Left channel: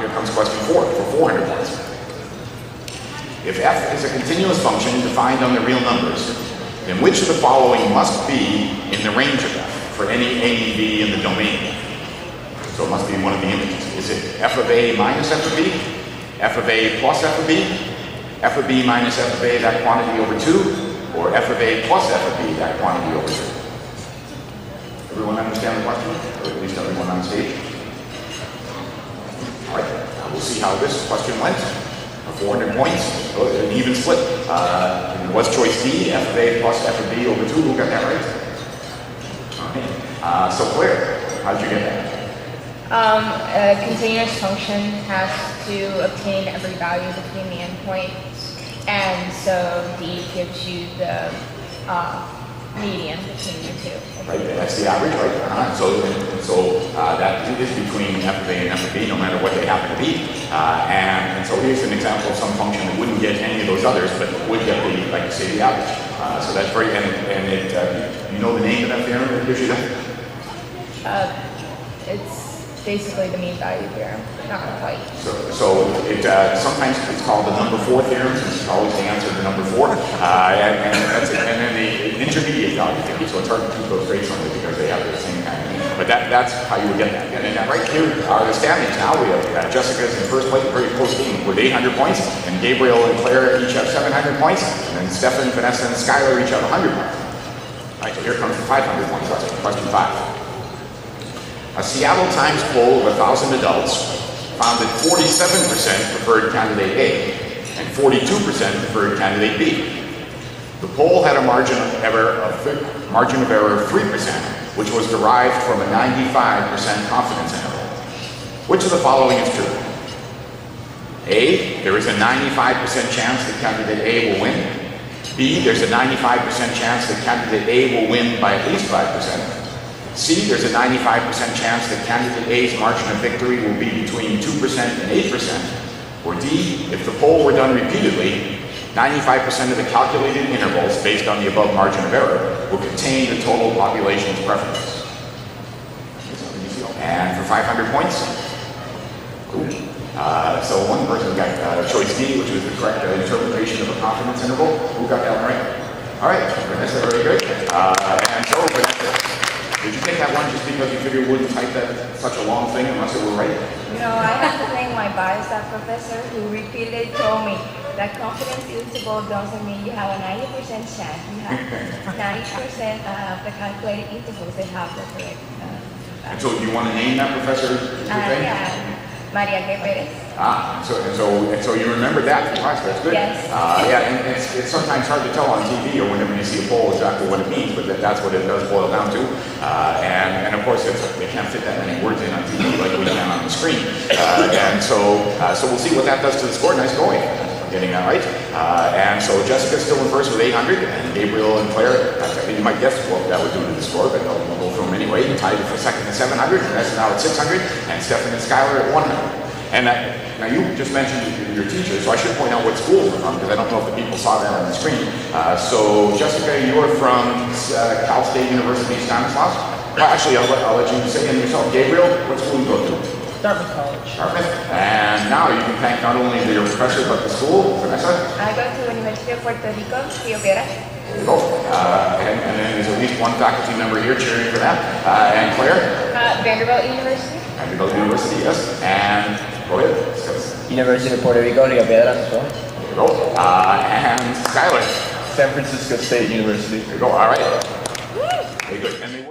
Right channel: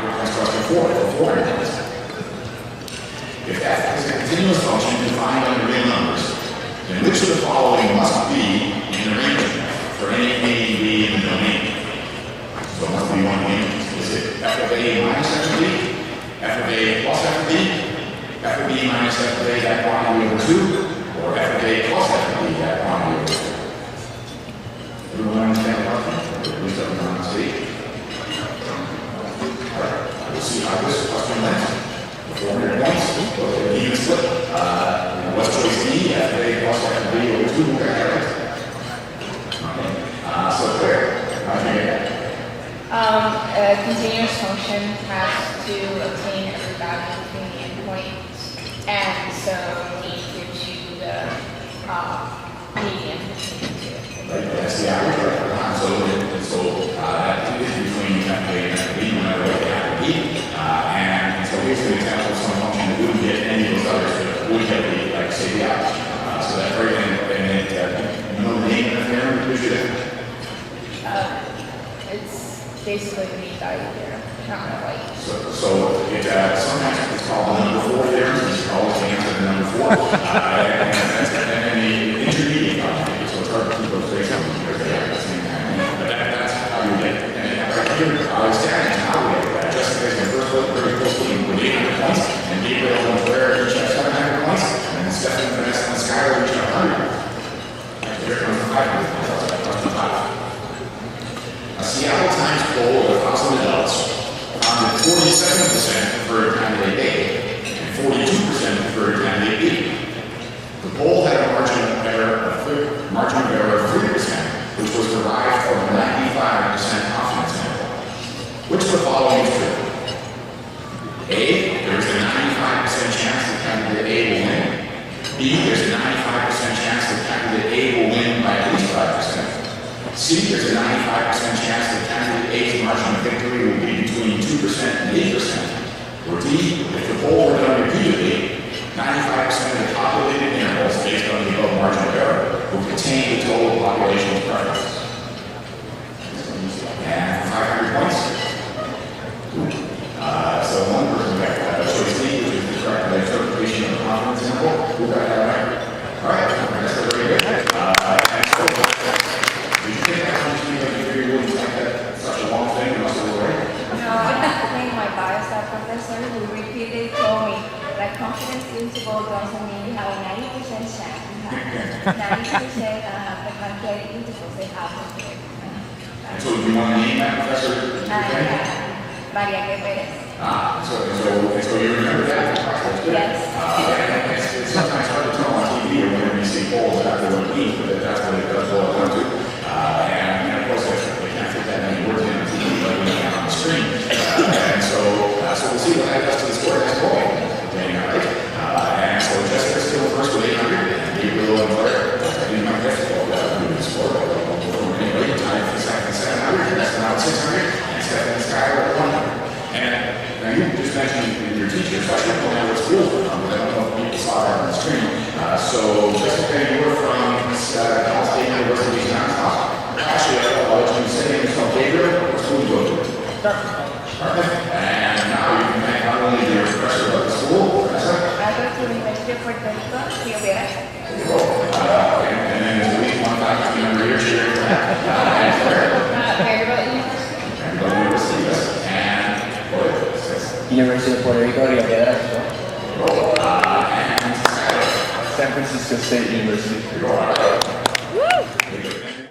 here comes question 4 for 400 points. If f is a continuous function defined on the real numbers, then which of the following must be in the range of f for any a, b in the domain? So it must be one of the images. Is it f of a minus f of b, f of a plus f of b, f of b minus f of a, that quantity over 2, or f of a plus f of b, that quantity over 2? Everyone understand the question? Or at least everyone on stage? All right, we'll see how this question went. 400 points, an even split. What's choice D, f of a plus f of b over 2? Who got that right? Okay. So Claire, how did you get that? A continuous function has to obtain every value between the endpoints, and so D gives you the median between the two. Right, that's the average, right? So that is between f of a and f of b, no matter what they happen to be. And so here's an example of some function that wouldn't get any of those others, but would get the, like say, the average. So that's very, and it, you know the name of that theorem that gives you that? It's basically the mean value here, not the value. So it sometimes it's called the number 4 theorem, since it's always the answer to number 4. And that's it. And then the intermediate value theorem. So it's hard to keep those grades only because they have the same kind of thing. But that's how you would get that. And right here, our standings now, we have Jessica is in first place, very close to with 800 points, and Gabriel and Claire each have 700 points, and then Stefan, Vanessa, and Skylar each have 100 points. All right, so here comes the 500 points question, question 5. A Seattle Times poll of 1,000 adults found that 47% preferred candidate A and 42% preferred candidate B. The poll had a margin of error of 3%, which was derived from a 95% confidence interval. Which of the following is true? A, there is a 95% chance that candidate A will win. B, there's a 95% chance that candidate A will win by at least 5%. C, there's a 95% chance that candidate A's margin of victory will be between 2% and 8%. Or D, if the poll were done repeatedly, 95% of the calculated intervals based on the above margin of error will contain the total population's preferences. And for 500 points, cool. So one person got choice D, which is the correct interpretation of a confidence interval. Who got that right? All right, Vanessa, very good. And so, Vanessa, did you take that one just because you figured you wouldn't type that such a long thing unless it were right? No, I had to thank my biostat professor who repeatedly told me that confidence interval doesn't mean you have a 90% chance. You have 90% the calculated intervals they have. And so do you want to name that professor? Maria Guevara. And so you remember that from class, that's good. Yes. Yeah, and it's sometimes hard to tell on TV or whenever you see a poll exactly what it means, but that's what it does boil down to. And of course, we can't fit that many words in on TV like we can on the screen. And so we'll see what that does to the score. Nice going. I'm getting that right. And so Jessica's still in first with 800, and Gabriel and Claire, I think you might guess what that would do to the score, but we'll go through them anyway. Tied for second at 700, Vanessa now at 600, and Stefan and Skylar at 100. And now you just mentioned your teacher, so I should point out what schools you're from, because I don't know if the people saw that on the screen. So Jessica, you are from Cal State University Stanislaus? Well, actually, I'll let you say it yourself. Gabriel, what school do you go to? Dartmouth. And now you can thank not only your professor, but the school. Vanessa? I go to the University of Puerto Rico, Quiroga. There you go. Okay. And then there's at least one faculty member here cheering for that. And Claire? Vanderbilt University. Vanderbilt University, yes. And go ahead. University of Puerto Rico, Rio Piedras. There you go. And Skylar. San Francisco State University. There you go. All right. Very good.